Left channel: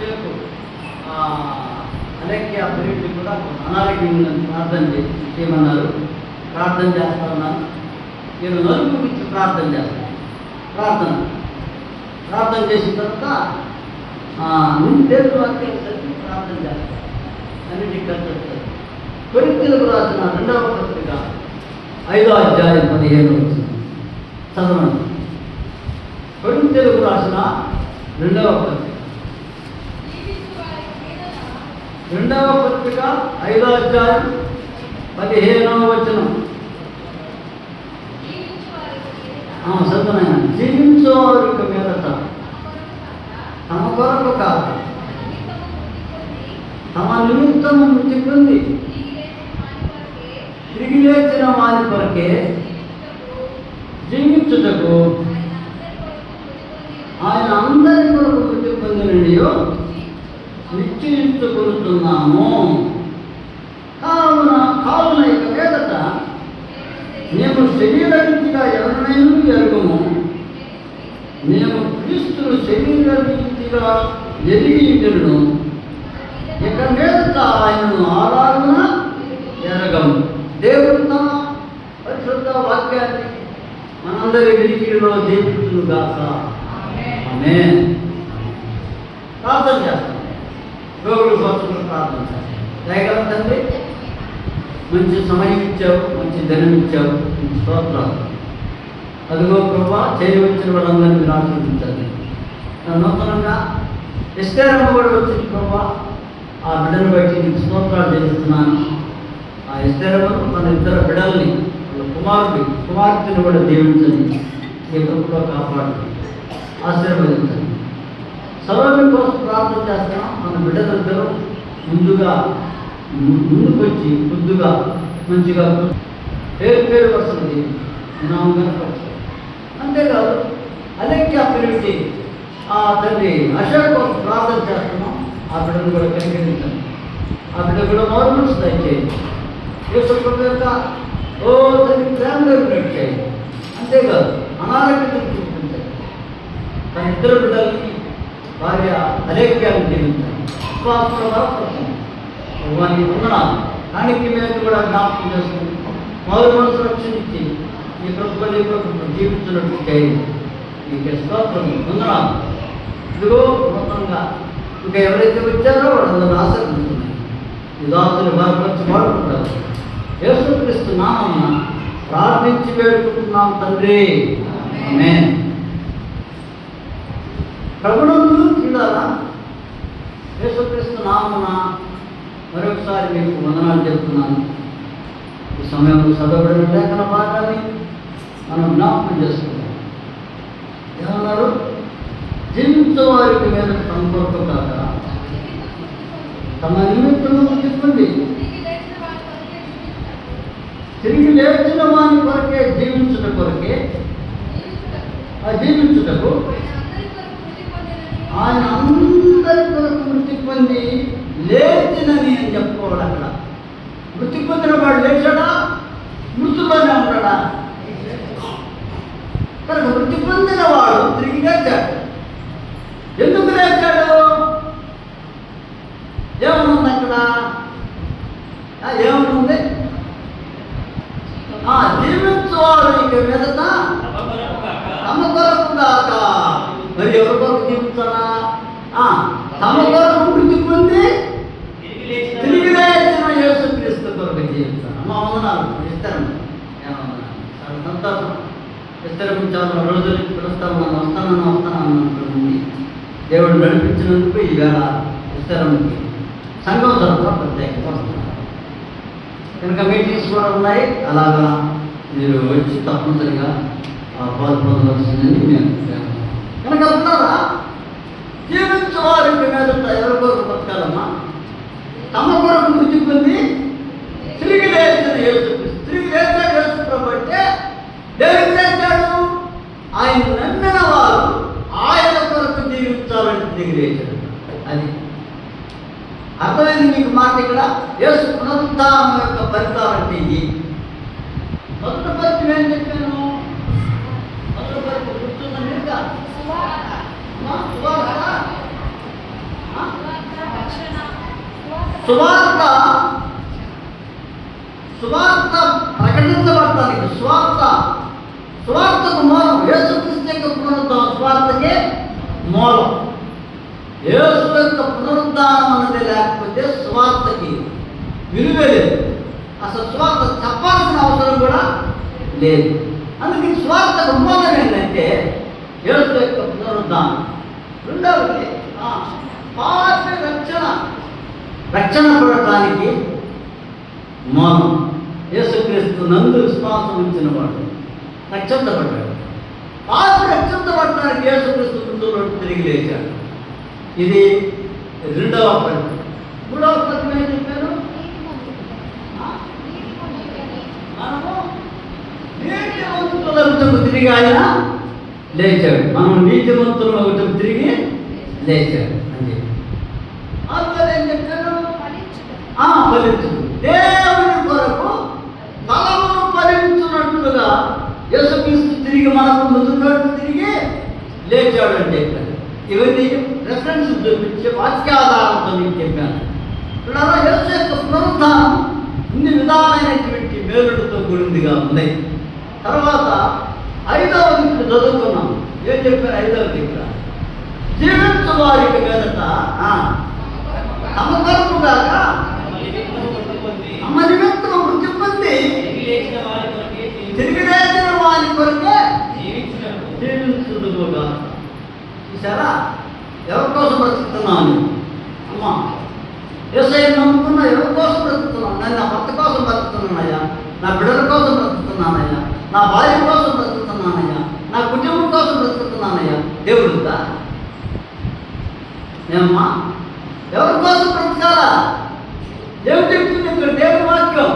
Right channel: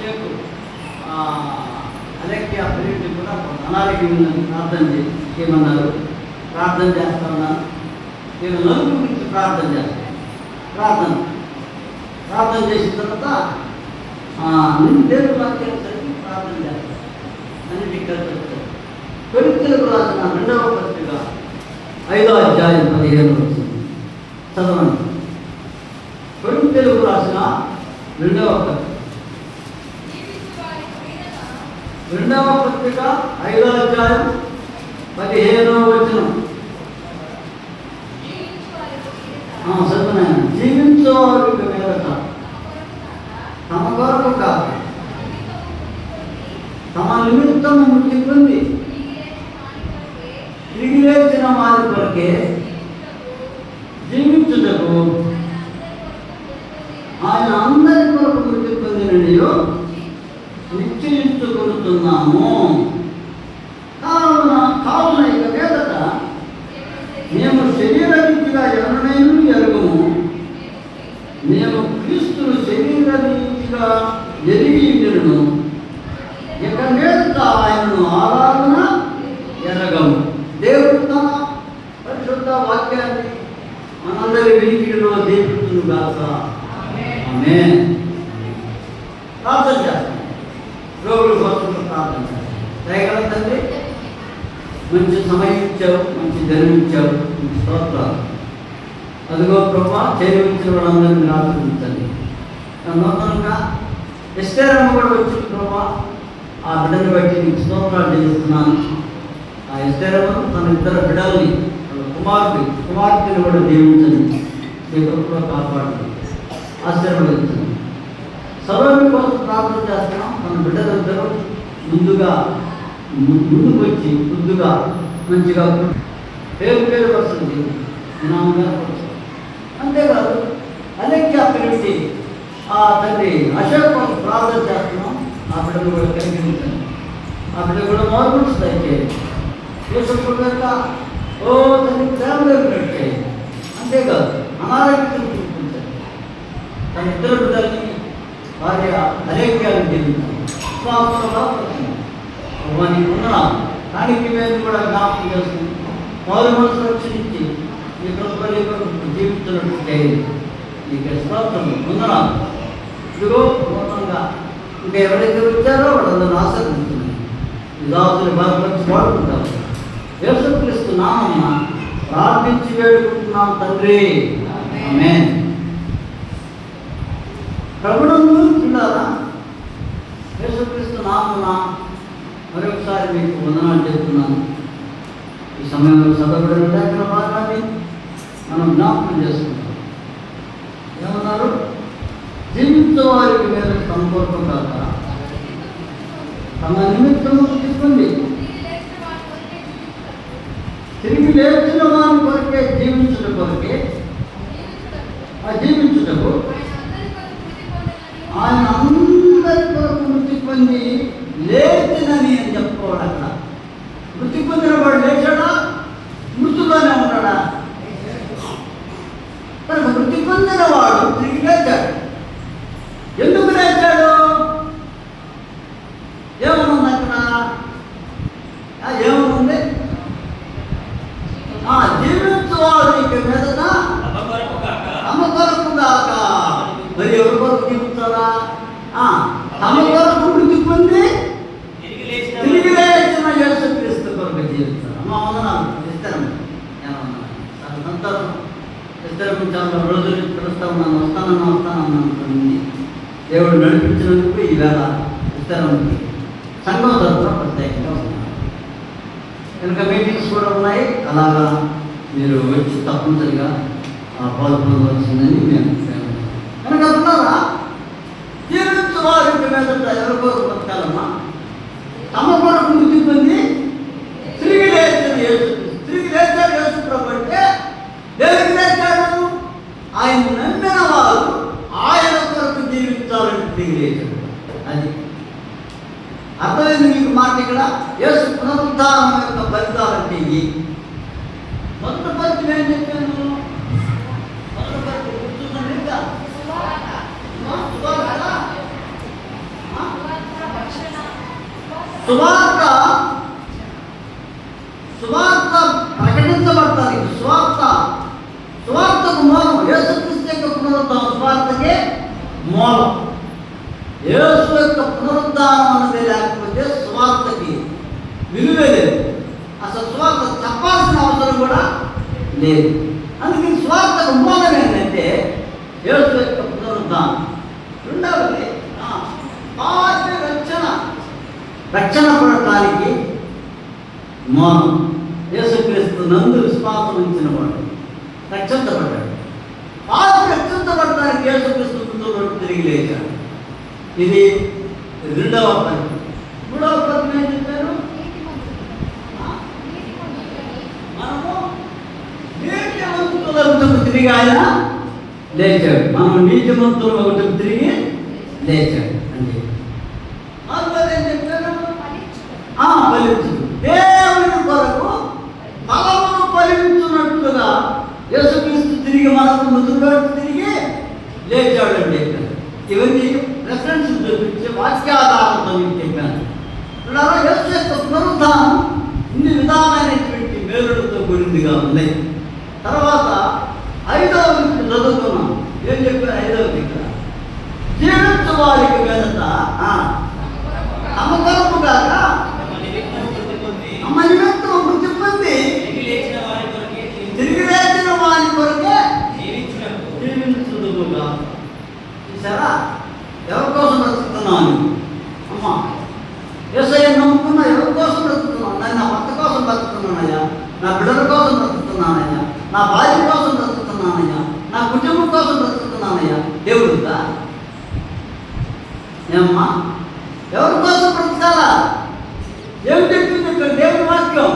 కాసేపు అలెక్య అభివృద్ధి కూడా అనారోగ్యం ఉందని ప్రార్థన చేయమన్నారు. ప్రార్థన చేస్తా ఉన్నాను నేను నలుగురు గురించి ప్రార్థన చేస్తాను ప్రార్థన. ప్రార్థన చేసిన తర్వాత నిన్ను పేరు వాక్యం చదివి ప్రార్థన చేస్తాను అన్నిటికీ కలిసి వస్తుంది కొరింతలకు రాసిన రెండవ పత్రిక ఐదో అధ్యాయం పదిహేను వచ్చింది. చదవండి. కొరింతలకు రాసిన రెండవ పత్రిక రెండవ పత్రిక ఐదో అధ్యాయం పదిహేనవ వచనం. ఆ, చదువునాయన జీవించేవారికి మీదట తమ కొరకు కాదు. తమ నిమిత్తం మృతి పొంది తిరిగి లేచిన వారి కొరకే జీవించుటకు ఆయన అందరి కొరకు మృతి పొందినయో నిశ్చయించుకుంటున్నాము కావున కావున ఇక మీదట మేము శరీర రీతిగా ఎవరినైనా ఎరుగుము మేము క్రీస్తులు శరీర రీతిగా ఎరిగి ఉండును. ఇక మీదట ఆయనను ఆరాధన ఎరగము దేవుడు తన పరిశుద్ధ వాక్యాన్ని మనందరి వినికిడిలో దీపుతును గాక ఆమె ప్రార్థన చేస్తాం రోగులు కోసం ప్రార్థన చేస్తాం దయగల తండ్రి మంచి సమయం ఇచ్చావు మంచి ధనం ఇచ్చావు నీకు స్తోత్రాలు అదిగో ప్రభా వాళ్ళందరినీ మీరు నా నూతనంగా ఎస్టేరమ్మ కూడా వచ్చింది ప్రభా. ఆ బిడ్డను బట్టి నీకు స్తోత్రాలు చేస్తున్నాను. ఆ ఎస్టేరమ్మ తన ఇద్దరు బిడ్డల్ని వాళ్ళ కుమారుడి కుమార్తెను కూడా దీవించండి నీ కృపలో కాపాడండి ఆశీర్వదించండి సర్వమి కోసం ప్రార్థన చేస్తున్నాం. మన బిడ్డలిద్దరూ ముందుగా ము- ముందుకు వచ్చి ముద్దుగా మంచిగా పేరు పేరు వస్తుంది. నినామంగా అంతేకాదు అలెక్య పిలిపి ఆ తండ్రి అశోక్ ప్రార్థన చేస్తున్నాం. ఆ బిడ్డలు కూడా కనిపించాను ఆ బిడ్డ కూడా నార్మల్స్ దయచేయండి. యేసు ఓ తండ్రి ప్రేమ కలిగినట్టు అంతేకాదు అనారోగ్యం చూపించండి తన ఇద్దరు బిడ్డలకి భార్య అలేఖ్యాన్ని జీవించాలి వారికి వందనాలు. దానికి మేము కూడా జ్ఞాపకం చేసుకుని మొదటి మనసు రక్షణించి ఈ ప్రతిపల్లి జీవిస్తున్నట్టుంటే ఈ మీకు స్తోత్రం ఇదిగో మొత్తంగా ఇంకా ఎవరైతే వచ్చారో వాళ్ళందరూ ఆశీర్వదిస్తున్నాయి విధాసులు బలపరిచి వాడుకుంటారు. యేసుక్రీస్తు ప్రార్థించి వేడుకుంటున్నాం తండ్రి. ఆమేన్. ప్రభుత్వం చూడాలా? యేసుక్రీస్తు నామమున మరొకసారి మీకు వందనాలు చెప్తున్నాను. ఈ సమయంలో చదవబడిన లేఖన భాగాన్ని మనం జ్ఞాపకం చేసుకుంటాం. ఏమన్నారు? జీవించే వారికి మీద సంపర్కం కాక తమ నిమిత్తము తీసుకోండి. తిరిగి లేచిన వారి కొరకే జీవించుట కొరకే ఆ జీవించుటకు ఆయన అందరి కొరకు మృతి పొంది లేచినని అని చెప్పుకోవడం అక్కడ మృతి పొందిన వాడు లేచాడా మృతులోనే ఉంటాడా కనుక మృతి పొందిన వాడు తిరిగి లేచాడు ఎందుకు లేచాడు ఏమనుంది అక్కడ ఆ, ఏమనుంది ఆ జీవించువాడు ఇక మీదట తమ కొరకు దాక మరి ఎవరి కొరకు జీవించాలా ఆ, తమ కొరకు మృతి పొంది తిరిగి లేచిన యేసుక్రీస్తు కొరకు జీవించాలి అమ్మ వందనాలు ఇస్తాను చాలా సంతోషం ఇద్దరు చాలా రోజులు పిలుస్తాను నన్ను వస్తాను వస్తానన్నటువంటి దేవుడు నడిపించినందుకు ఈవేళ ఇస్తారమ్మకి సంఘం తరఫున ప్రత్యేకంగా ఉన్నారు. కనుక మీటింగ్స్ కూడా ఉన్నాయి. అలాగా మీరు వచ్చి తప్పనిసరిగా పాల్గొనవలసిందని నేను కనుక ఉన్నారా? జీవించవారి మీద ఎవరి కొరకు బతకాలమ్మా? తమ కొరకు మృతి పొంది తిరిగి లేచిన యేసు తిరిగి లేచాడు యేసు ప్రభు అంటే దేవుడికి లేచాడు ఆయన నమ్మిన వారు ఆయన కొరకు జీవించాలని తిరిగి లేచాడు అది అర్థమైంది మీకు మాట ఇక్కడ యేసు పునరుద్ధానం యొక్క ఫలితాలంటే ఇవి మొదటి పరిచయం ఏం చెప్పాను మొదటి పరిచయం గుర్తుందండి ఇంకా అమ్మా, సువార్త? ఆ? సువార్త సువార్త ప్రకటించబడుతుంది. సువార్త సువార్తకు మూలం యేసుక్రీస్తు యొక్క పునరుద్ధానం. సువార్తకే మూలం. యేసు యొక్క పునరుద్ధానం అన్నది లేకపోతే సువార్తకి విలువే లేదు. అసలు సువార్త చెప్పాల్సిన అవసరం కూడా లేదు. అందుకని సువార్తకు మూలమే ఏంటంటే యేసు యొక్క పునరుద్ధానం రెండవది ఆ, పాపి రక్షణ రక్షణ పడటానికి మౌనం యేసుక్రీస్తు నందు విశ్వాసం ఉంచిన వాడు రక్షించబడ్డాడు. పాపి రక్షించబడటానికి యేసుక్రీస్తు ముందు తిరిగి లేచాడు. ఇది రెండవ పని. మూడవ పని ఏం చెప్పారు? ఆ? మనము నీతిమంతుల వైపుకు తిరిగి ఆయన లేచాడు. మనం నీతిమంతుల వైపుకు తిరిగి లేచాడు అంటే అందులో ఏం చెప్పారు ఆ, ఫలించుడు దేవుని కొరకు తలమును ఫలించున్నట్లుగా యేసుక్రీస్తు తిరిగి మనకు ముందుకు తిరిగి లేచాడండి అని ఇవన్నీ రెఫరెన్స్ చూపించే వాక్యాధారంతో మీకు చెప్పాను ఇప్పుడు యేసు యొక్క పునరుద్ధానం ఇన్ని విధాలైనటువంటి మేలులతో కూడిందిగా ఉంది తర్వాత ఐదవ చదువుకున్నాం. ఏం చెప్పారు ఐదవ ఇక్కడ? జీవించు వారికి వెనుక ఆ, తమ కొరకు కాక అమ్మ నిమిత్తం మృతి పొంది తిరిగి లేచిన వారి కొరకే జీవించుదుగా చూసారా ఎవరి కోసం బ్రతుకుతున్నాను అమ్మా. ఏసయ్య నమ్ముకున్నా ఎవరి కోసం బ్రతుకుతున్నాను నేను నా భర్త కోసం బ్రతుకుతున్నానయ్యా. నా బిడ్డల కోసం బ్రతుకుతున్నానయ్యా. నా భార్య కోసం బ్రతుకుతున్నానయ్యా. నా కుటుంబం కోసం బ్రతుకుతున్నానయ్యా. దేవుడు ఏమమ్మా ఎవరి కోసం బ్రతకాలా? దేవుడు చెప్తుంది ఇక్కడ దేవుడి వాక్యం.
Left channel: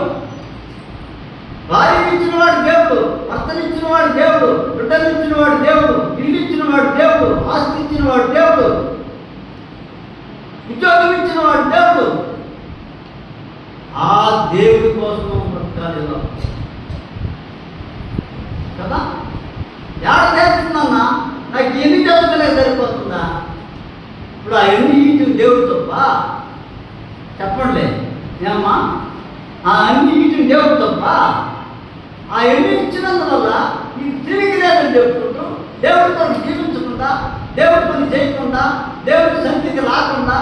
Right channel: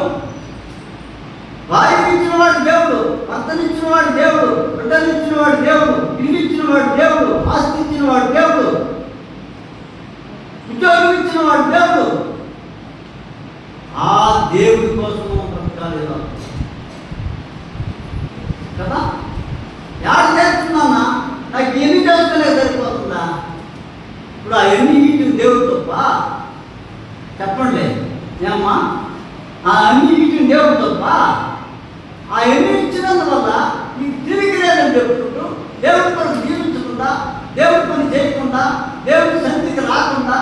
భార్య వాడు దేవుడు భర్తనిచ్చిన వాడు దేవుడు బిడ్డనిచ్చిన వాడు దేవుడు ఇల్లు ఇచ్చినవాడు దేవుడు ఆస్తి ఇచ్చినవాడు దేవుడు ఉద్యోగం ఇచ్చినవాడు దేవుడు. ఆ దేవుడి కోసం బ్రతకాలి కదా? ఎవరు చేస్తున్నామా నాకు ఎన్ని చేసుకునే సరిపోతుందా? ఇప్పుడు ఆ ఎన్ని ఇటు దేవుడు తప్ప? చెప్పండి. ఏమ్మా? ఆ అన్ని ఇటు దేవుడు తప్ప? ఆ ఎన్ని ఇచ్చినందువల్ల నీకు తిరిగి లేదని చెప్పుకుంటూ దేవుడితో జీవించకుండా దేవుడి పని చేయకుండా దేవుడి సంతికి రాకుండా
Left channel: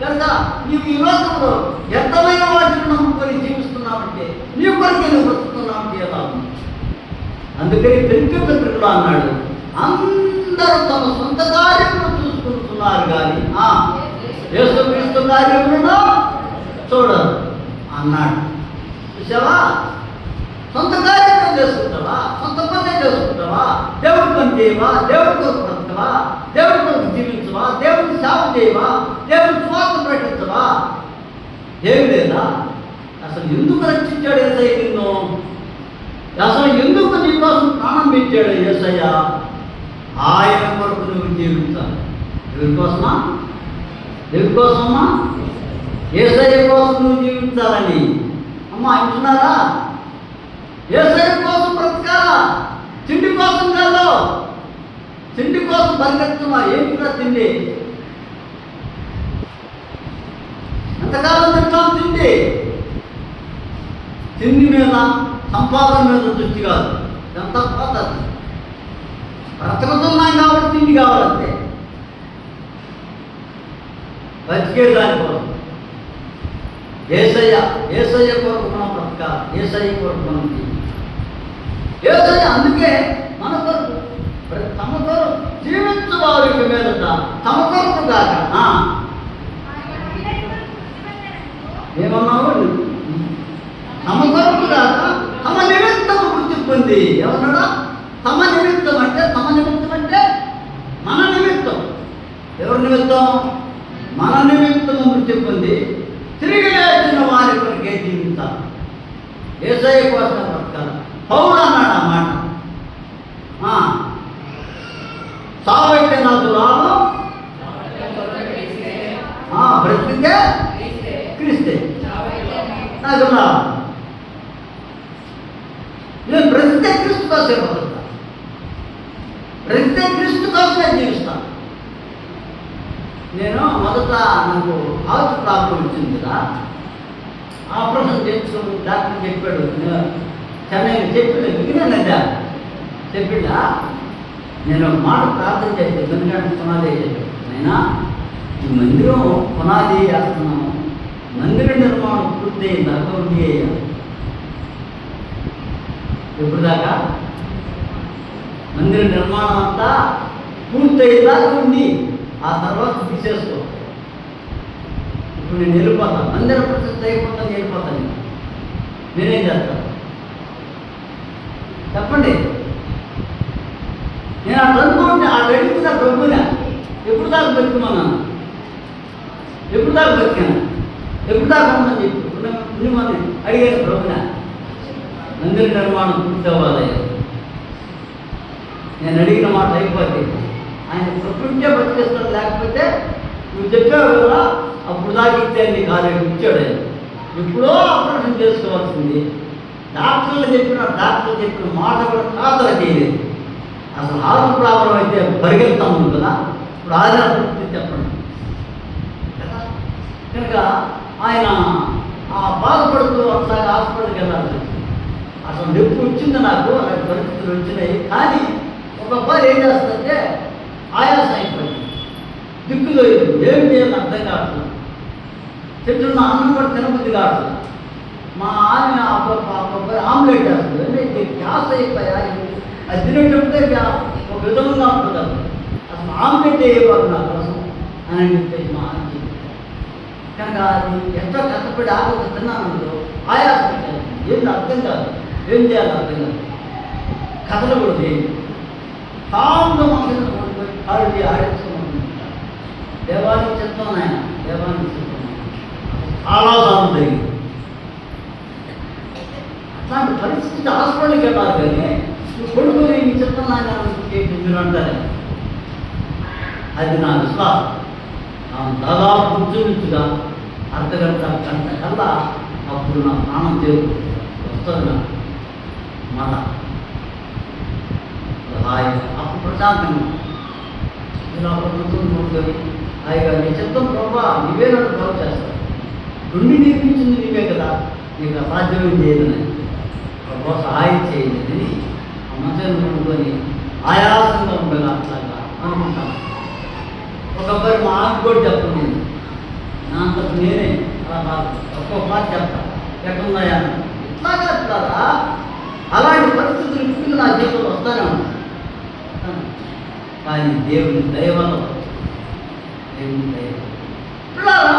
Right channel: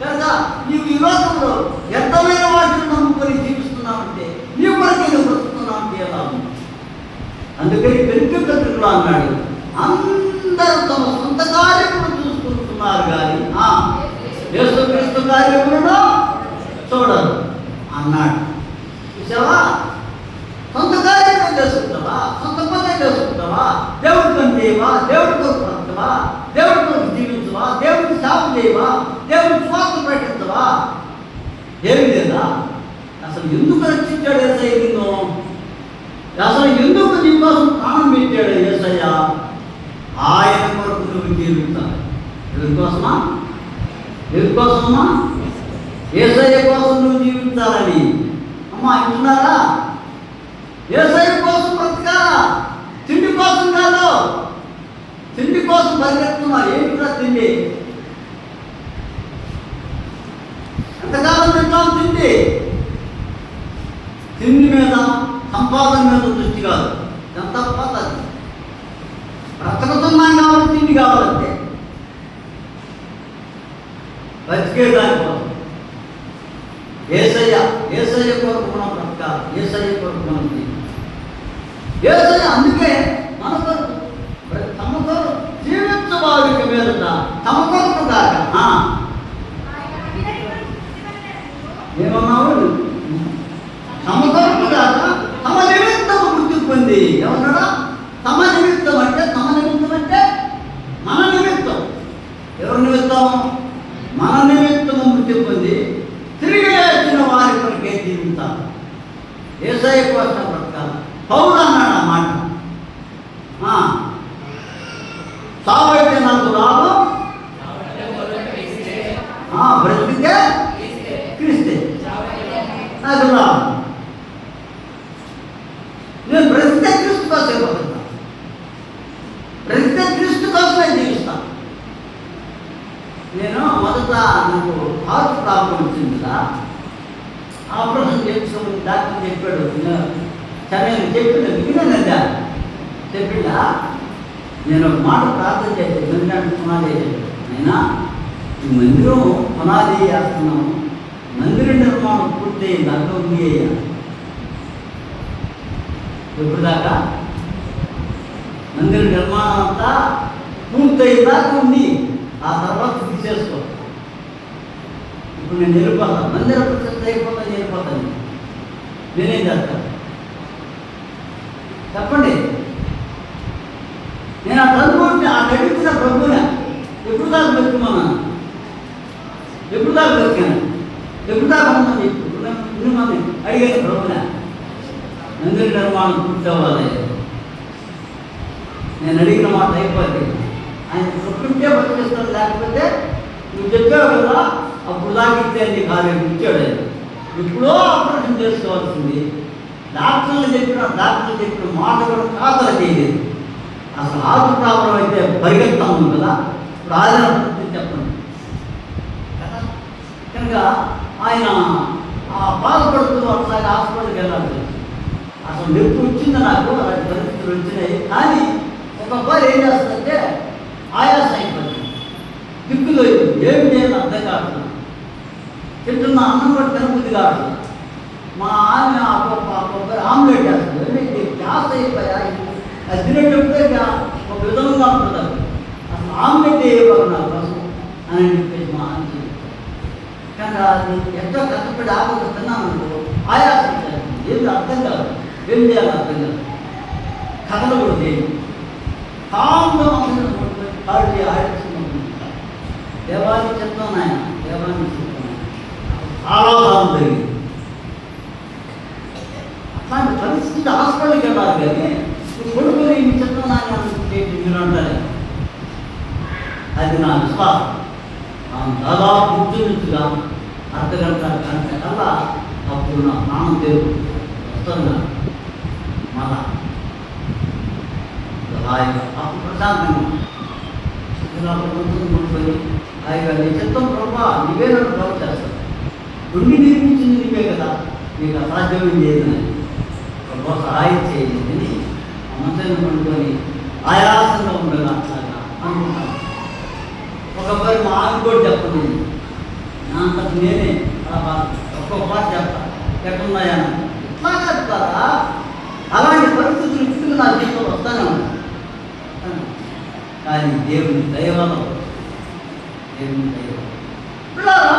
కనుక నీవు ఈ లోకంలో వ్యర్థమైన వాటిని నమ్ముకొని జీవిస్తున్నామంటే నీ కొరకే నువ్వు బ్రతుకుతున్నావంటే ఎలా ఉంది? అందుకని పెంచుకుంటున్నా అన్నాడు అందరూ తమ సొంత కార్యములు చూసుకుంటున్నారు కానీ ఆ, యేసుక్రీస్తు కార్యములను చూడరు అన్నాడు చూసావా సొంత కార్యక్రమం చేసుకుంటావా సొంత పని చేసుకుంటావా దేవుడి పని చేయవా? దేవుడి కొరకు బ్రతకవా దేవుడి కొరకు జీవించవా? దేవుడికి సేవ చేయవా? దేవుడి స్వార్థ ప్రకటించవా ఏమి లేదా? అసలు ఎందుకు రక్షించాడు ఏసయ్య నిన్ను? అసలు ఎందుకు నీ కోసం ప్రాణం పెట్టాడు ఏసయ్య? ఆయన కొరకు నువ్వు జీవించాలి. ఎవరి కోసమా? ఎవరి కోసమా? ఏసయ్య కోసం నువ్వు జీవించాలని. అమ్మా ఇంటున్నారా? వ్యవసాయం కోసం బ్రతకాలా? తిండి కోసం కాదు. తిండి కోసం పరిగెత్తున్నా ఏంటి కూడా తిండి? ఎంతకాలం తింటాం తిండి? తిండి మీద సంపాదన మీద దృష్టి కాదు. ఎంత పోతుంది బ్రతుకుతున్నాం కాబట్టి తిండి కావాలంటే. బతికే కోసం ఏసయ్య ఏసయ్య కొరకు మనం బ్రతకాలి. ఏసయ్య కొరకు మనం ఏసయ్య అందుకే మన కొరకు ప్ర- తమ కొరకు జీవించు వారికి మీద తమ కొరకు కాక ఏమన్నావు తమ కొరకు కాక తమ నిమిత్తము వృద్ధి పొంది ఏమన్నాడా తమ నిమిత్తం అంటే తమ నిమిత్తం అంటే మన నిమిత్తం ఎవరి నిమిత్తం మన నిమిత్తము వృద్ధి పొంది తిరిగి లేచిన వారి కొరకే జీవితాం ఏసఐ కోసం బ్రతకాలి పౌరు అన్నాడు ఆ మాట ఆ, సావైతే నాకు లాభం ఆ, బ్రతికితే క్రీస్తే నాకు లాభం నేను బ్రతికితే క్రీస్తు కోసమే బతుకుతా బ్రతికితే క్రీస్తు కోసమే జీవిస్తాను నేను మొదట నాకు హార్ట్ ప్రాబ్లం వచ్చింది కదా ఆపరేషన్ చేసుకోమని డాక్టర్ చెప్పాడు చెన్నైలో చెప్పాడు చెప్పిందా నేను ఒక మాట ప్రార్థన చేస్తే ఎందుకంటే పునాది అయినా ఈ మందిరం పునాది వేస్తున్నాము మందిర నిర్మాణం పూర్తయింది అర్థం చేయాలి ఎప్పుడు దాకా మందిర నిర్మాణం అంతా పూర్తయ్యేదాకా ఉంది ఆ తర్వాత తీసేసుకో ఇప్పుడు నేను వెళ్ళిపోతాను మందిర ప్రతిష్ట అయిపోతాను వెళ్ళిపోతాను నేనేం చేస్తాను? చెప్పండి. నేను ఆ అనుకుంటే ఆ నడిపించిన ప్రభున ఎప్పుడు దాకా బతుకున్నాను ఎప్పుడు దాకా బతికాను? ఎప్పుడు దాకా ఉందని చెప్పి. ఇన్ని మంది అడిగాను ప్రభున మందిర నిర్మాణం పూర్తి అవ్వాలి. నేను అడిగిన మాట అయిపోతే ఆయన ప్రకృత్యే బతికేస్తాడు లేకపోతే నువ్వు చెప్పావు కదా అప్పుడు లాగితే నీ కాలేజీ ఇచ్చాడు ఎప్పుడో ఆపరేషన్ చేసుకోవాల్సింది. డాక్టర్లు చెప్పిన డాక్టర్లు చెప్పిన మాట కూడా చేయలేదు. అసలు హార్ట్ ప్రాబ్లం అయితే పరిగెత్తాము కదా. ఇప్పుడు ఆధార చెప్పండి. కదా? కనుక ఆయన ఆ బాధపడుతూ ఒకసారి హాస్పిటల్కి వెళ్ళాలి. అసలు నొప్పి వచ్చింది నాకు? అలాంటి పరిస్థితులు వచ్చినాయి. కానీ ఒక అబ్బాయి ఏం చేస్తుందంటే ఆయాస అయిపోయింది దిక్కులో ఏం నేను అర్థం కావట్లేదు. చెప్తున్న అన్నం కూడా తినబుద్ధి కాదు. మా ఆమె అబ్బాయి ఆమ్లెట్ వేస్తుంది అంటే గ్యాస్ అయిపోయా? అది తినేటప్పుడే గ్యా- ఒక విధంగా ఉంటుంది అసలు ఆమ్లెట్ వేయవారు నా కోసం అని చెప్పేసి మా ఆమె చెప్పింది. కనుక అది ఎంతో కష్టపడి ఆకలి తిన్నాను ఆయాసం వచ్చేస్తుంది. ఏంది అర్థం కాదు. ఏం చేయాలి అర్థం కాదు. కథలు కూడా చేయండి కాంగా ఆడి ఆడిస్తున్నాను దేవానికి చెప్తాను ఆయన దేవానికి చెప్తాను జరిగింది అట్లాంటి పరిస్థితి హాస్పిటల్కి వెళ్ళాలి కానీ కొడుకుని నీ చెప్తున్నాను అనుకుంటే మీరు అంటారు? అది నా విశ్వాసం. ఆమె దాదాపు ఇంచుమించుగా అర్ధగంట గంట కల్లా అప్పుడు నా ప్రాణం దేవుడు వస్తుందా మన హాయిగా అప్పుడు ప్రశాంతంగా ఇలా ప్రభుత్వం కూర్చొని హాయిగా నీ చిత్తం ప్రభా నీవే నన్ను బాగు చేస్తావు నుండి నేర్పించింది నువ్వే కదా నీకు అసాధ్యమే చేయదని ప్రభా సహాయం చేయలేదని ఆ పండుకొని ఆయాసంగా ఉండగా అట్లాగా అనుకుంటాను ఒకసారి మా ఆమె కూడా చెప్పండి నా అంతకు నేనే అలా బాధ ఒక్కొక్క మాట చెప్తా. ఎక్కడున్నాయా? ఇట్లా చెప్తారా అలాంటి పరిస్థితులు ఇప్పుడు నా జీవితంలో వస్తానే ఉంటాయి కానీ దేవుని దైవం దేవుని దైవం పిల్లారా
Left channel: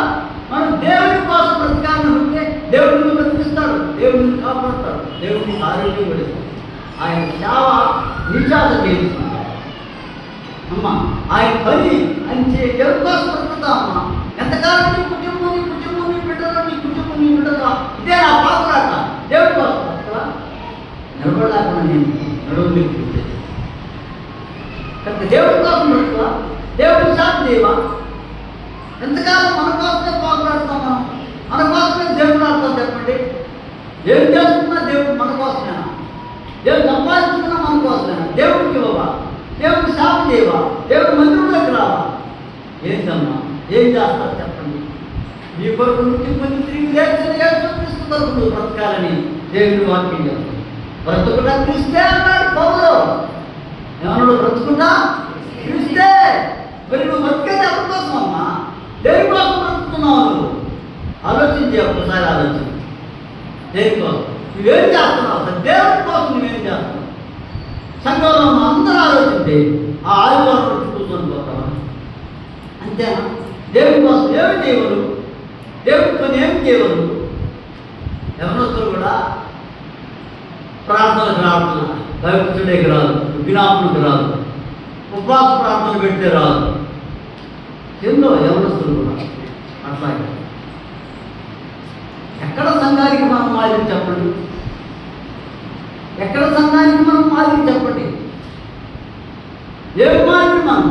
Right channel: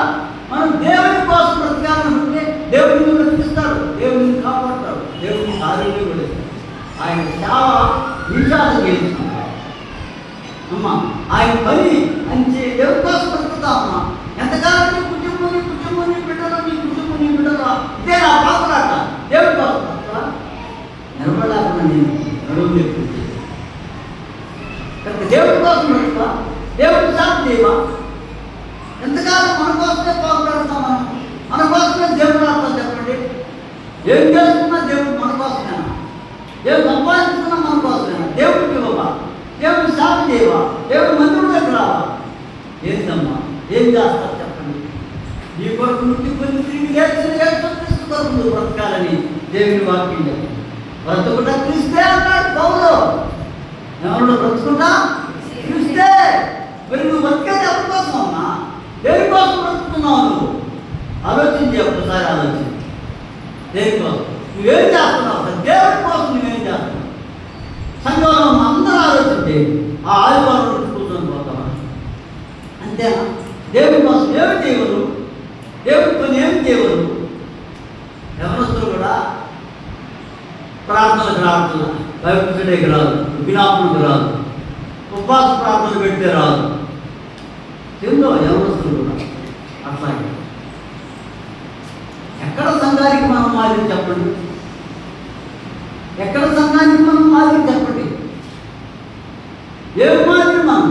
మనం దేవుని కోసం బ్రతకాలనుకుంటే దేవుడు నిన్ను బ్రతికిస్తాడు దేవుడు నిన్ను కాపాడతాడు దేవుడిని ఆరోగ్యం కూడా ఇస్తాడు. ఆయన సేవ విశాల చేసుకుంటాడు అమ్మా ఆయన పని అని చే- దేవుడి కోసం బ్రతుకుతామమ్మా ఎంతకాలం నీ కుటుంబం నీ కుటుంబం నీ బిడ్డలు నీ కుటుంబం నీ బిడ్డలు ఇదే నా పాపరాట దేవుడి కోసం బ్రతకవా నిలబడలేకుండా నేను నడువు కనుక దేవుడి కోసం బ్రతకవా దేవా ఎంతకాలం మన కోసమే పాకులాడతాం మనం? మన కోసమే దేవుడు ఆడతాం చెప్పండి. ఏం చేస్తున్నా దేవుడు మన కోసమేనా దేవుడు సంపాదిస్తున్నా మన కోసమేనా దేవుడికి ఇవ్వవా? దేవుడు శాప దేవా దేవుడు మందిరంలోకి రావా? ఏంటమ్మా ఏం చేస్తారు చెప్పండి. నీ కొరకు నుంచి కొన్ని తిరిగి లేచిన క్రీస్తు కొరకు బ్రతకాలని దేవుడు వాక్యం చెప్తుంది. బ్రతుకుట క్రిస్తే అన్నాడు పౌరులు ఎవరు బ్రతుకుటా మరి నువ్వు బతికేది ఎవరికోసం అమ్మా దేనికోసం బ్రతుకుతున్నావు నువ్వు? ఆలోచించి ఒకసారి ఆలోచించి. దేనికోసం నువ్వేం చేస్తున్నావు? దేవుడి కోసం నువ్వేం చేస్తున్నావు? సంఘంలో అందరూ ఆలోచించి ఆ ఆదివారం రోజు కూర్చొని పోతాం అంతేనా? దేవుడి కోసం ఏమి చేయగలరు దేవుడి పని ఏమి చేయగలరు ఎవరొస్తారు కూడా? ప్రార్థనలకు రావట్లా భయపడేకి రాదు. విజ్ఞాపనకు రాదు. ఉపవాస ప్రార్థనలు పెడితే రాదు. ఎందో యవనస్తులు అట్లాగే ఎక్కడ సంఘానికి మనం మాదిరి చెప్పండి? ఎక్కడ సంఘానికి మనం మాదిరి చెప్పండి? ఏం మాదిరి మనం?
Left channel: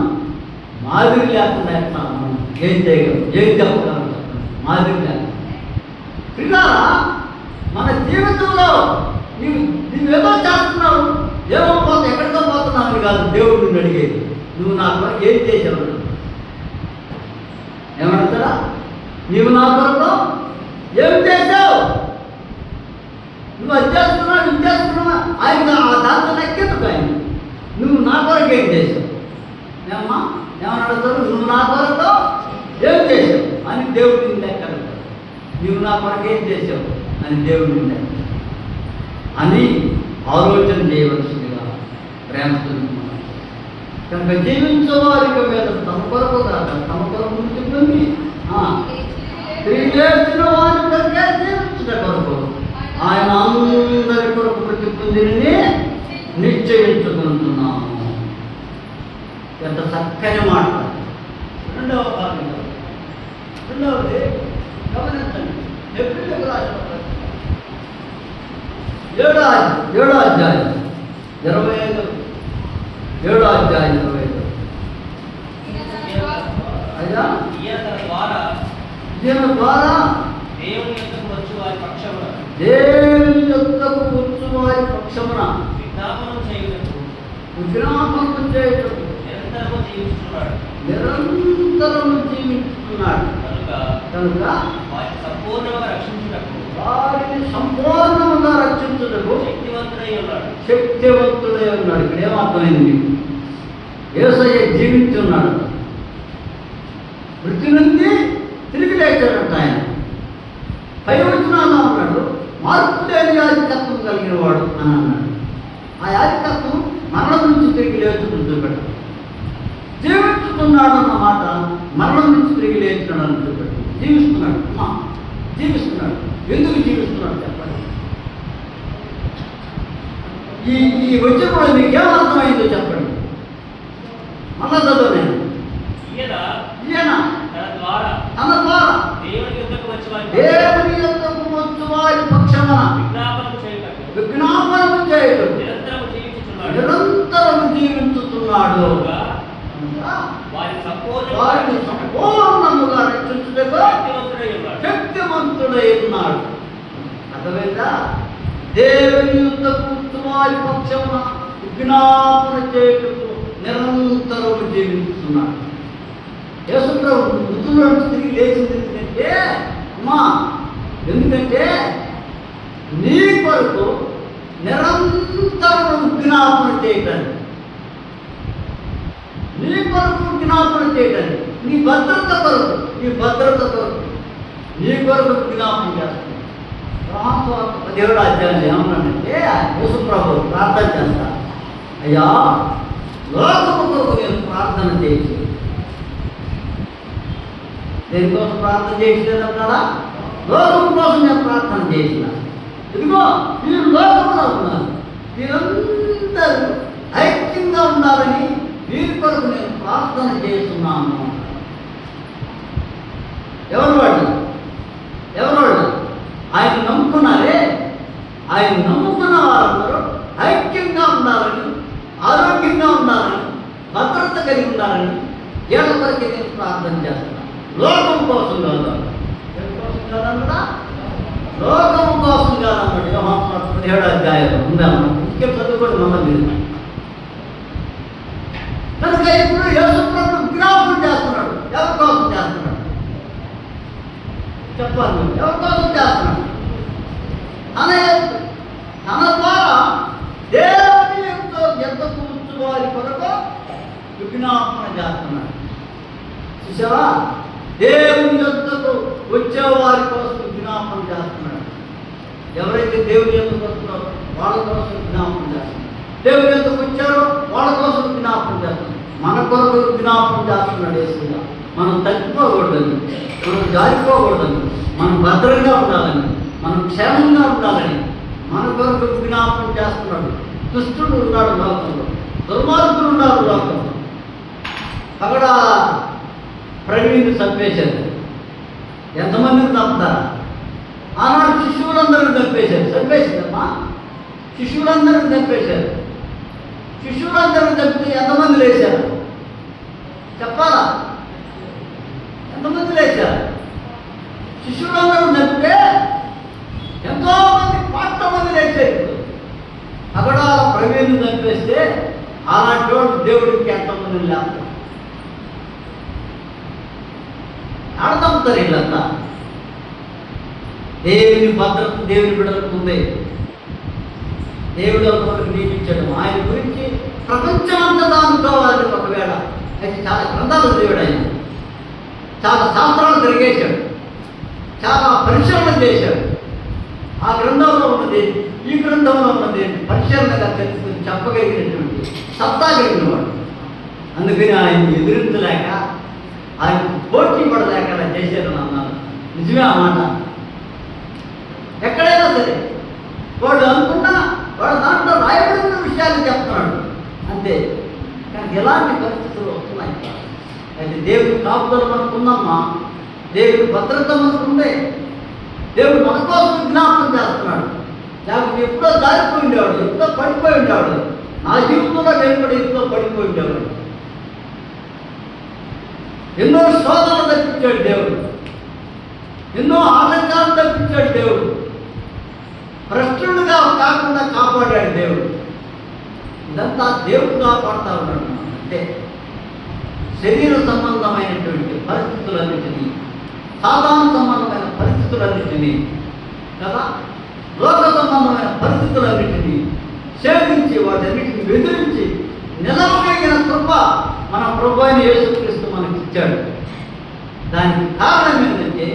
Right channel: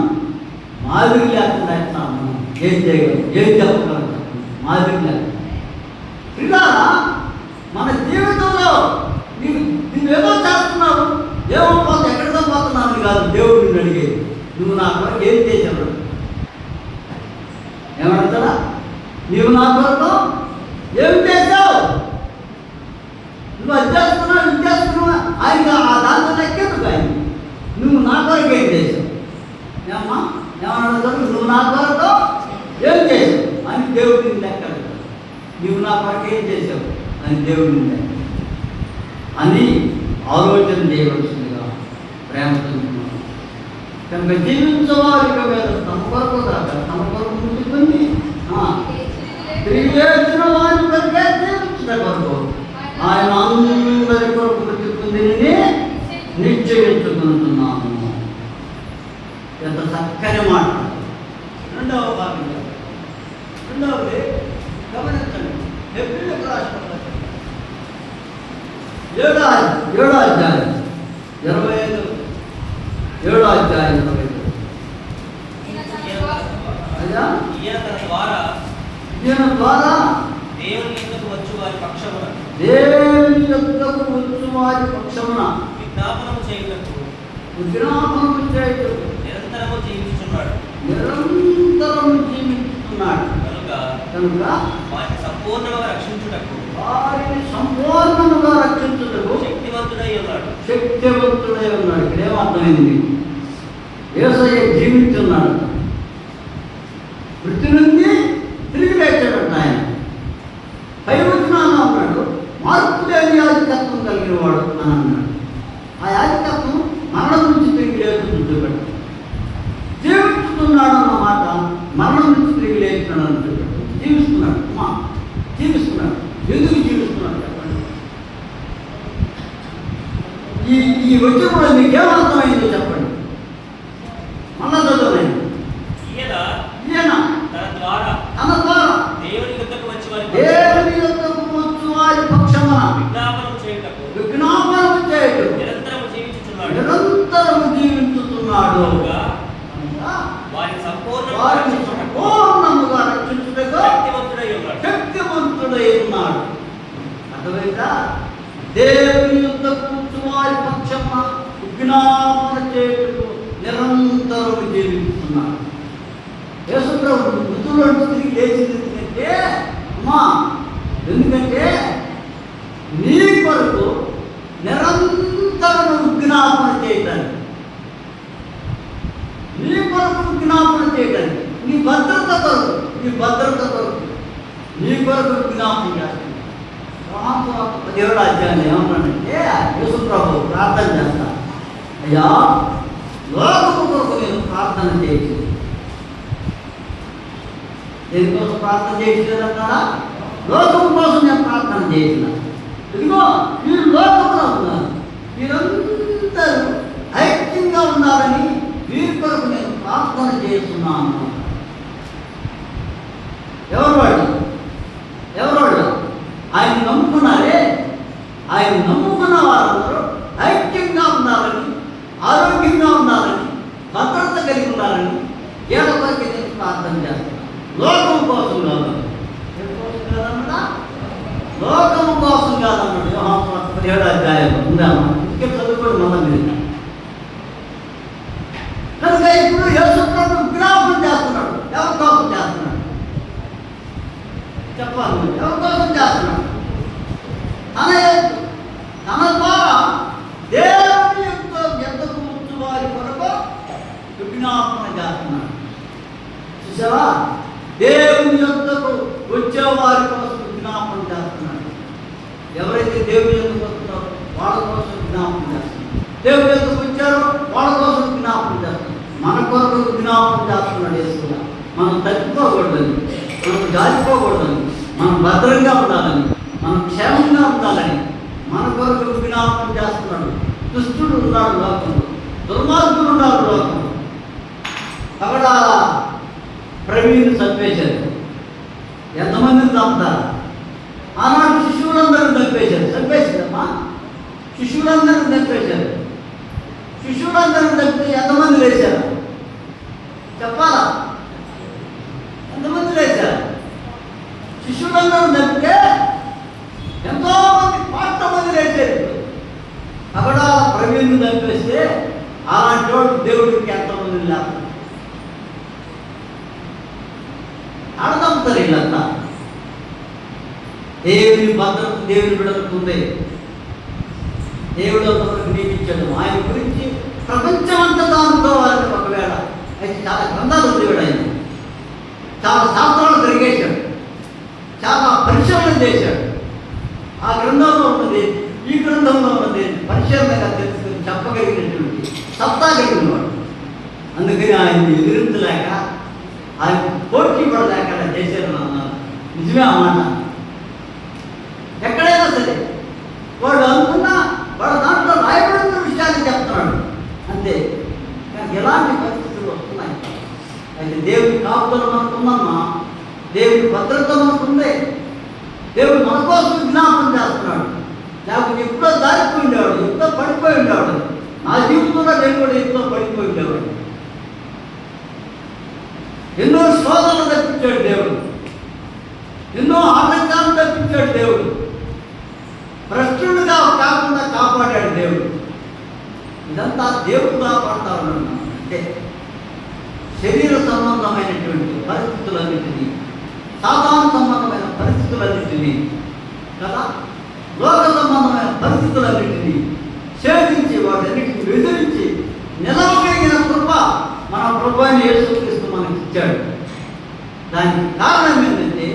మాదిరి లేకుండా ఎట్లా మనం ఏం చేయగలం? ఏం చెప్పగలం? మాదిరి లేకుండా. మన జీవితంలో నీవు నువ్వేమో చేస్తున్నావు ఏమో పోతే ఎక్కడితో పోతున్నావు అని కాదు దేవుడు నిన్ను అడిగేది. నువ్వు నా కొరకు ఏం చేశావు? ఏమడుగుతాడా నీవు నా కొరకు ఏం చేశావు? నువ్వు అది చేస్తున్నావు ఇది చేస్తున్నావా? ఆయన ఆ దాంతో లెక్కెట్టుకు ఆయన నువ్వు నా కొరకు ఏం చేసావు ఏమని ఏమన్నాడు నువ్వు నా కొరకు ఏం చేసావు అని దేవుడు నిన్ను ఎక్కడ నువ్వు నా కొరకు ఏం చేసావు అని దేవుడు నిన్ను అని ఆలోచన చేయవలసిందిగా ప్రేమతో కనుక జీవించవారికి వేరు తమ కొరకు కాక తమ కొరకు ఉంటుంది తిరిగి లేచిన వారి కొరకే జీవించిన కొరకు ఆయన అందరి కొరకు ప్రతిపుందిని నిశ్చయించుకుంటున్నాము ఎంత చక్కని మాట రెండవ భాగంలో రెండవది గమనించండి ఎప్రిల్కి రాసిన పత్రిక. ఏడో ఏడో అధ్యాయం ఇరవై ఐదు ఏడో అధ్యాయం ఇరవై ఐదు అయ్యా ఈయన తన ద్వారా దీని ద్వారా దేవుని యొద్దకు వచ్చు వారి పక్షమున దేవుని యొక్కకు వచ్చు వారి పక్షమున విజ్ఞాపనం చేయుటకు విజ్ఞాపనము చేయుటకు నిరంతరము జీవించుచున్నాడు. నిరంతరం జీవిస్తున్నాడు కనుక వారిని సంపూర్ణంగా రక్షించుటకు వారిని సంపూర్ణముగా రక్షించుటకు శక్తివంతుడై ఉన్నాడు. శక్తివంతుడై ఉన్నాడు. ఇక్కడ ఏమర్థమైంది మీకు ఏసయ్య జీవించున్నాడు మృతి నుండి తిరిగి లేచాడట ఆయన పైవచనాలు అన్నాడు. మార్పు లేని యాజకత్వం కలిగిన వాడు అని అన్నాడు. ఆ యాజకత్వం మరణం నుంచి తిరిగి లేదు చూపెట్టు జీవిస్తున్నాడు అన్న మాట మరణం నుంచి తిరిగి లేచినాడు అని చూపెట్టు జీవిస్తున్నాడు. మా జీవిస్తున్నాడు. ఎందుకు జీవిస్తున్నాడు చెప్పండి. ఈ ఈ వచ్చిన వాళ్ళు మీకు ఏమర్థమైందో చెప్పండి మళ్ళా చదవలేదు ఈయన ఈయన తన ద్వారా తన ద్వారా దేవుని యొద్దకు వచ్చి వారి దేవుని యొద్దకు వచ్చు వారి పక్షమున విజ్ఞాపనం చేయుటకు విజ్ఞాపనము చేయడు నిరంతరము జీవించుచున్నాడు నిరంతరము జీవించుతున్నాడు కనుక వారిని సంపూర్ణంగా వారిని రక్షించుటకు సంపూర్ణముగా రక్షించుటకు శక్తివంతుడై ఉన్నాడు శక్తివంతుడై ఉన్నాడు అర్థమైందా దేవుని యుద్ధ వారి పక్షమున విజ్ఞాపన చేయుటకు నిరంతరం జీవిస్తున్నాడు యేసుప్రభు మృతుల నుంచి తిరిగి లేచింది ఎందుకంటే అమ్మా ఎందుకంటే నీ కొరకు నిరంతరం విజ్ఞాపన చేయటానికి నీ కొరకు జ్ఞాపనం చేయడానికి నీ భద్రత కొరకు నీ భద్రత కొరకు నీ కొరకు జ్ఞాపనం చేస్తాను దేవుడు అధ్యాయులు ఏమన్నాడంటే యేసు ప్రభు ప్రార్థన చేస్తా అయ్యా లోకము కొరకు నేను ప్రార్థన చేసి దేనికోసం ప్రార్థన చేసినారా లోకం కోసం నేను ప్రార్థన చేసిన ఇదిగో ఈ లోకంలో ఉన్నారు. మీరందరూ ఐక్యంగా ఉన్నారని వీరి కొరకు నేను ప్రార్థన చేస్తున్నాను ఎవరు వాళ్ళు ఎవరు వాళ్ళు ఆయన నమ్ముకున్నారే? ఆయన నమ్ముకున్న వారందరూ ఐక్యంగా ఉండాలని ఆరోగ్యంగా ఉండాలని భద్రత కలిగి ఉండాలని ఎవరికి నేను ప్రార్థన చేస్తున్నాను. లోకం కోసం కాదు. లోకం కోసం కాదన్నాడు యోహాను పదిహేడు అధ్యాయం ఉందాము ఇంకే చదువుకోండి మొన్న మీరు కనుక ఇప్పుడు యేసుప్రభు జ్ఞాపకం చేస్తున్నాడు ఎవరి కోసం చేస్తున్నాం చెప్పాలి నువ్వు. ఎవరి కోసం చేస్తున్నాం తన తన ద్వారా దేవుని యొక్క ఎంత కూర్చు వారి కొరకు విజ్ఞాపన చేస్తున్నాడు చూసావా దేవుని యొక్కకు వచ్చే వారి కోసం విజ్ఞాపన చేస్తున్నాడు ఎవరైతే దేవుని ఎందుకు వస్తున్నారో వాళ్ళ కోసం విజ్ఞాపన చేస్తున్నాడు దేవుని ఎందుకు వచ్చారో వాళ్ళ కోసం విజ్ఞాపన చేస్తున్నాడు మన కొరకు విజ్ఞాపన చేస్తున్నాడు యేసుగా మనం తగ్గిపోకూడదని మనం జారిపోకూడదని మనం భద్రంగా ఉండాలని మనం క్షేమంగా ఉండాలని మన కొరకు విజ్ఞాపన చేస్తున్నాడు. దుష్టుడు ఉన్నాడు లోకంలో. దుర్మార్గులు ఉన్నారు లోకంలో. అక్కడ ప్రవీణ్ చంపేశారు. ఎంతమందిని చంపుతారు? ఆనాడు శిశువులందరూ చంపేశారు. చంపేసిందమ్మా. శిశువులందరూ చంపేశారు. శిశువులందరూ చంపితే ఎంతమంది లేచారు? చెప్పాలా? ఎంతమంది లేచారు శిశువులందరూ చంపితే ఎంతో మంది కోట్ల మంది లేచారు. అక్కడ ప్రవీణ్ చంపేస్తే అలాంటి వాడు దేవుడికి ఎంతమంది లేస్తారు ఆడతాం వీళ్ళంతా దేవుని భద్రత దేవుని బిడలకు దేవుడు అంతవరకు నియమించాడు ఆయన గురించి ప్రపంచమంతా అనుకోవాలి ఒకవేళ. అయితే చాలా గ్రంథాలు దేవుడు ఆయన. చాలా శాస్త్రాలు తిరిగేశాడు చాలా పరిశీలన చేశాడు ఆ గ్రంథంలో ఉన్నది ఈ గ్రంథంలో ఉన్నది పరిశీలనగా తెలుసుకుని చెప్పగలిగినటువంటి సత్తా కలిగిన వాడు. అందుకని ఆయన ఎదురించలేక ఆయన పోటీ పడలేక అలా చేశారు అన్నారు నిజమే అన్నమాట ఎక్కడైనా సరే వాడు అనుకున్నా వాడు దాంట్లో రాయబడిన విషయాలు చెప్తున్నాడు. అంతే. ఎలాంటి దేవుని దేవుడి కాపుదల మనకుందమ్మా. దేవుడి భద్రత మనకుందే. దేవుడు మన కోసం విజ్ఞాపనం చేస్తున్నాడు. లేకపోతే ఎప్పుడో దారిపోయి ఉండేవాడు ఎప్పుడో పడిపోయి ఉండేవాడు. నా జీవితంలో నేను కూడా ఎప్పుడో పడిపోయి ఉండేవాడు ఎన్నో శోధనలు తప్పించాడు దేవుడు. ఎన్నో ఆటంకాలు తప్పించాడు దేవుడు. భ్రష్టులుగా కాకుండా కాపాడాడు దేవుడు. ఇదంతా దేవుడు కాపాడుతా ఉన్నాడు. అంటే శరీర సంబంధమైనటువంటి పరిస్థితులన్నింటినీ సాధారణ సంబంధమైన పరిస్థితులన్నింటినీ కదా? లోక సంబంధమైన పరిస్థితులన్నింటినీ సేవించి వాటన్నిటిని ఎదిరించి నిలవగలిగిన కృప మన ప్రభు అయిన యేసుక్రీస్తు మనకి ఇచ్చాడు దానికి కారణం ఏంటంటే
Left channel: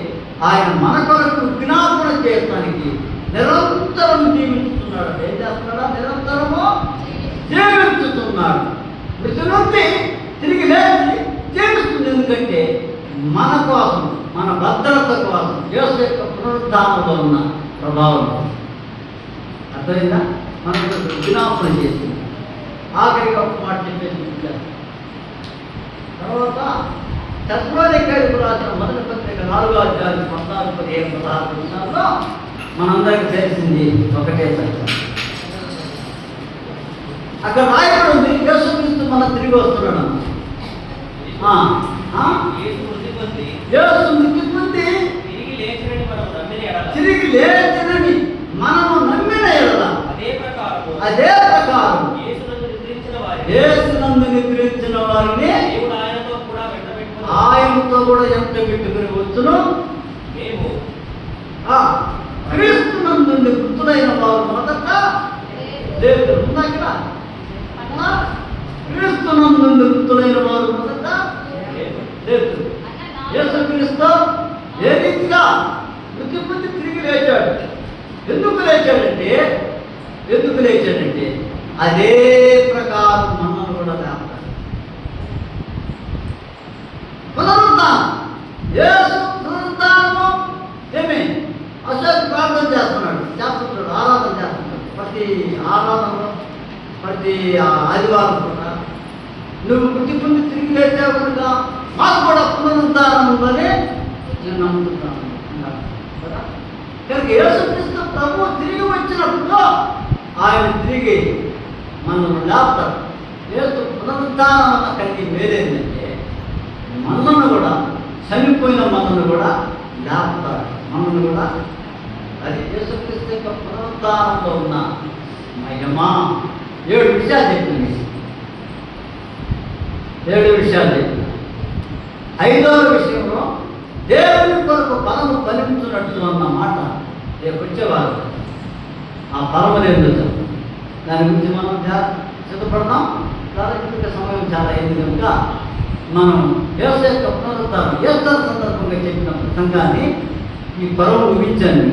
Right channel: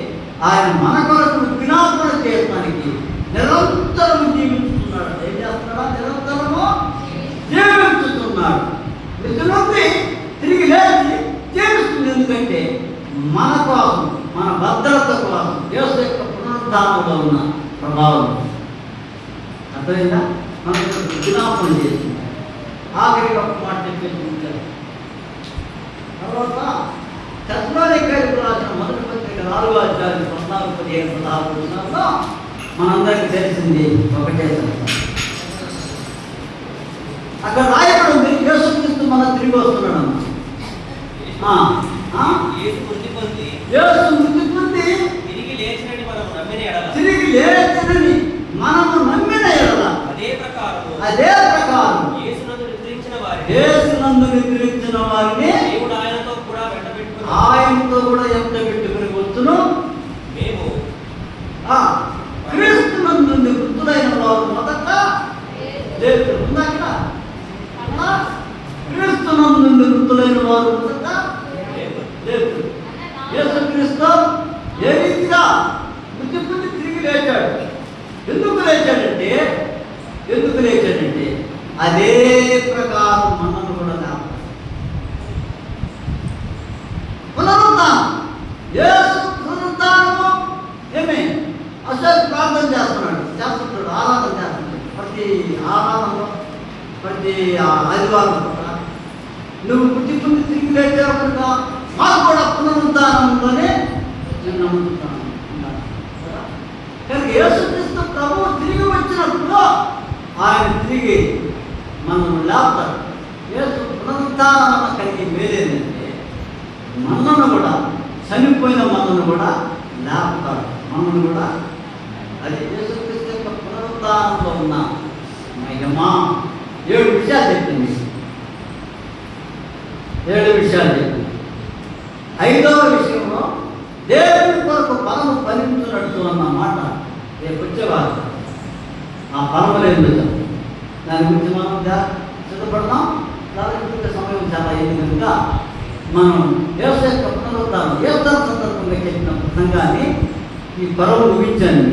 ఆయన మన కొరకు జ్ఞాపన చేయడానికి నిరంతరం జీవిస్తున్నాడు ఏం చేస్తున్నాడా నిరంతరము జీవించుతున్నాడు నిజనుంది తిరిగి లేచి జీవిస్తుంది ఎందుకంటే మన కోసం మన కోసం యేసు యొక్క పునరుద్ధానంలో ఉన్న ప్రభావం. అర్థమైందా? మనకు జ్ఞాపన చేస్తుంది ఆఖరిగా ఒక మాట చెప్పేసి. తర్వాత చత్రాలికాయకు రాసిన మొదటి పత్రిక నాలుగో అధ్యాయం పద్నాలుగు పదిహేను పదహారు వచనాల్లో మనందరికీ తెలిసింది ఒకటే అక్కడ రాయబడి ఉంది యేసుక్రీస్తు మన తిరిగి వస్తున్నాడు? యేసు మృతి పొంది యేసు మృతి పొంది తిరిగి లేచినని మనం నమ్మిన లేచనని మనము నమ్మిన అదే ప్రకారము అదే ప్రకారం. యేసునందు నిద్రించిన వారిని ఆయనతో కూడా ఎంత పెట్టుకుని వచ్చును. మేము క్రీస్తునందు వృద్ధులైన వారు మొదట లేదు ఉందా ఇక్కడ ఉందా? క్రీస్తునందు వృద్ధులైన వారు మొదట లేదు. యేసుక్రీస్తు ఏ రీతిగా తిరిగి లేచాడు. ఎందుకు లేచాడంటే ఎందుకు లేచాడంటే అదే ప్రకారం మనం కూడా లేపాడు పునరుద్ధానం. యేసు పునరుద్ధానము ఏమి? అశోక్ ప్రార్థన చేస్తున్నాడు చేస్తుంటాడు ఆరాధన చేస్తున్నాడు ప్రతి ఆరాధనలో ప్రతి ఆదివారం కూడా నువ్వు పుట్టి తిరిగి లేచావు కనుక మాకు కూడా పునరుద్ధానం ఉందని నేను నమ్ముతున్నాను కనుక యేసుక్రీస్తు ప్రభు తిరిగి వచ్చినప్పుడు ఆయన తిరిగి మనల్ని లేపుతారు యేసు పునరుద్ధానం వల్ల కలిగి మేలేంటంటే మనల్ని కూడా చనిపోయిన మనల్ని కూడా లేపుతారు మనల్ని కూడా అది యేసుక్రీస్తు యొక్క పునరుద్ధానంలో ఉన్న మహిమా. ఏడు విషయాలు చెప్పింది. ఏడు విషయాలు చెప్పింది. ఐదవ విషయం దేవుని కొరకు బలము ఫలించినట్టు అన్న మాట రేపు వచ్చేవారు. ఆ పర్వలేదు దాని గురించి మనం జా- సిద్ధపడదాం దానికి సమయం చాలా అయింది కనుక మనం వ్యవసాయ పునరుద్ధారం వ్యవసాయ సందర్భంగా చెప్పిన ప్రసంగాన్ని ఈ పరవ ముగించాను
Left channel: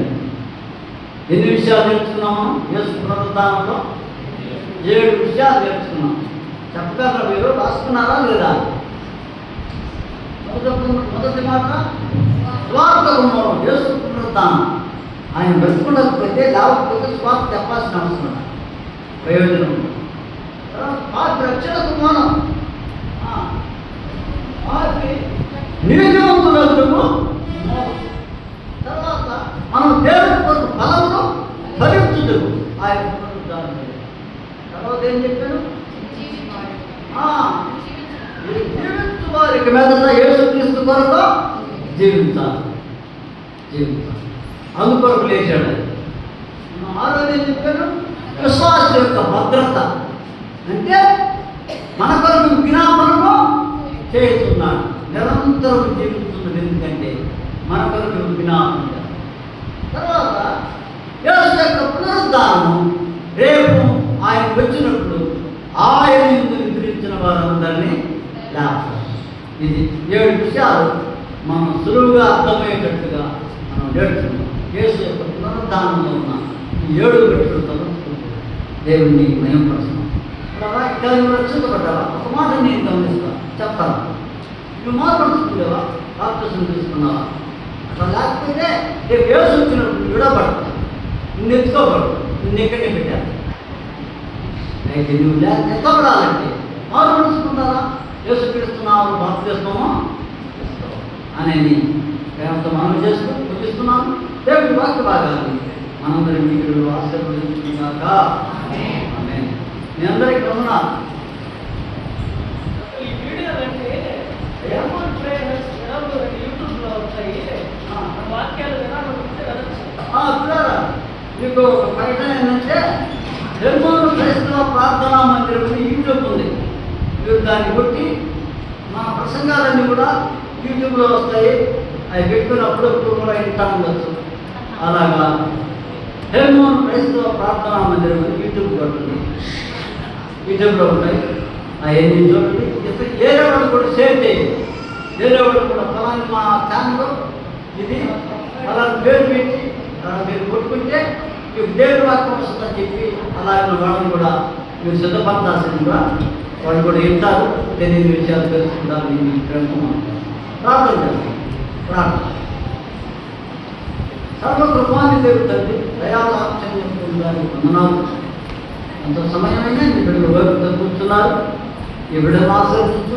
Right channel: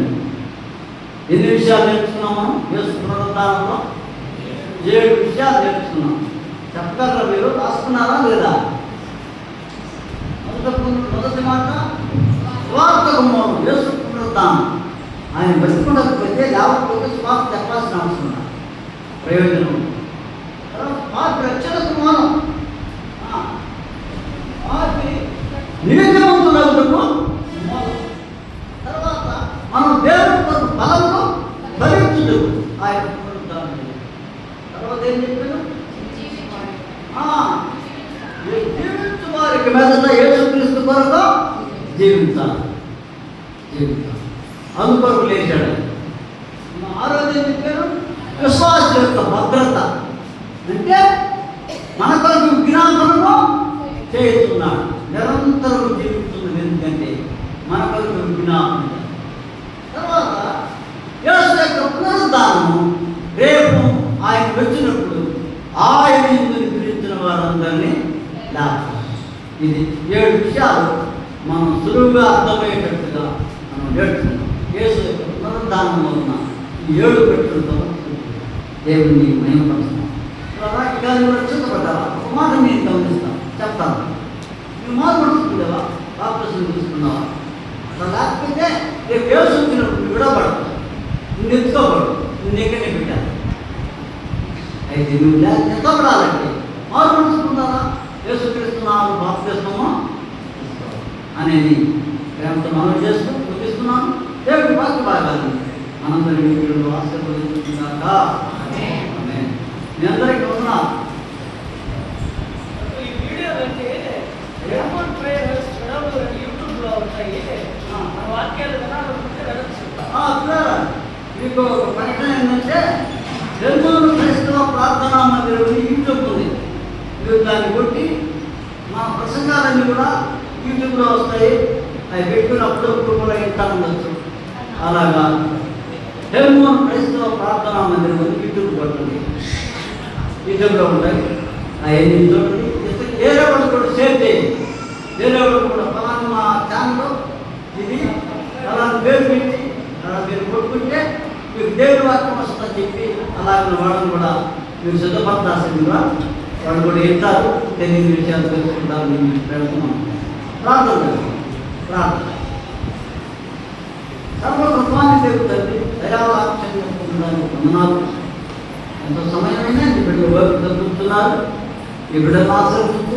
ఎన్ని విషయాలు నేర్చుకున్నాం మనం? వ్యవసాయ పునరుద్ధారంలో ఏడు విషయాలు నేర్చుకున్నాం. చెప్పగలరా మీరు? రాసుకున్నారా లేదా? మొదటి మొదటి మాట స్వార్థ గుమ్మం యేసు పునరుద్ధానం ఆయన బతుకున్నకపోతే లేకపోతే స్వార్థ చెప్పాల్సిన అవసరం ప్రయోజనం. తర్వాత పార్టీ రక్షణ కుమారం పార్టీ నీతివంతులకు తర్వాత మనం దేవుడి కొరకు బలంలో ఫలించుడు ఆయన పునరుద్ధానం చేయాలి. తర్వాత ఏం చెప్పాడు ఆ, ఈ జీవించు వారికి మీదట యేసుక్రీస్తు కొరకు జీవించాలి జీవించాలి అందుకొరకు లేచాడు మా ఆరోగ్యం చెప్పారు విశ్వాస యొక్క భద్రత అంటే మన కొరకు జ్ఞాపనము చేస్తున్నాడు నిరంతరం జీవిస్తున్నది ఎందుకంటే మన కొరకు జ్ఞాపనం చేస్తాడు. తర్వాత యేసు యొక్క పునరుద్ధానము రేపు మనం సులువుగా అర్థమయ్యేటట్టుగా మనం నేర్చుకుందాం యేసు యొక్క పునరుద్ధానంలో ఉన్న ఈ ఏడు పెట్టులతో దేవుని మయంపరుస్తాం వాక్యాలు రక్షించబడ్డావా ఒక నేను గమనిస్తాను చెప్తాను నువ్వు మార్పడుతుందేవా బాప్తిసం తీసుకున్నావా అలా లేకపోతే రేపు యేసు వచ్చినప్పుడు నువ్వు విడబడతావు నువ్వు ఎత్తుకోబడు నువ్వు ఎక్కడే పెట్టాను అయితే నువ్వు లే ఎత్తబడాలంటే మార్పడుచుకున్నారా యేసుక్రీస్తున్నావు బాప్తిస్తామో అనేది ప్రేమతో మనం చేసుకుంటాం ముగిస్తున్నాను దేవుడి వాక్య భాగాన్ని మనందరి మీకు ఆశీర్వదించుగాక ఆమేన్. మీ అందరికీ ఉన్నా మీకు ప్రకటన ఏంటంటే తెలుగు క్రైస్తవ ప్రార్థనా మందిరం యూట్యూబ్ ఉంది. మీరు దాన్ని కొట్టి మా ప్రసంగాలన్నీ కూడా యూట్యూబ్లో వస్తాయి. అది పెట్టుకుని అప్పుడప్పుడు కూడా వింటా ఉండొచ్చు. అలాగా. హెల్మోన్ క్రైస్తవ ప్రార్థనా మందిరం అని యూట్యూబ్ కొట్టండి యూట్యూబ్లో ఉంటాయి అవన్నీ చూడండి ఇస్తే వేరే వాళ్ళు కూడా సేవ్ చేయండి. వేరే వాళ్ళు కూడా ఫలానా మా ఛానల్ ఇది అలా పేరు పెట్టి అలా మీరు కొట్టుకుంటే మీకు దేవుని వాక్యం వస్తుందని చెప్పి అలాగే వాళ్ళని కూడా మీరు సిద్ధపడాల్సింది కూడా వాళ్ళు కూడా వింటారు తెలియని విషయాలు తెలుసుకుంటారు మీ ప్రేమ ప్రార్థన చేస్తాం ప్రార్థన సర్వకృపాన్ని దేవుడు తండ్రి దయావాక్యం ఉన్నారు ఎంత సమయమైనా ఈ బిడ్డలు వైపు ఈ బిడ్డలు ఆశ్రయిస్తూ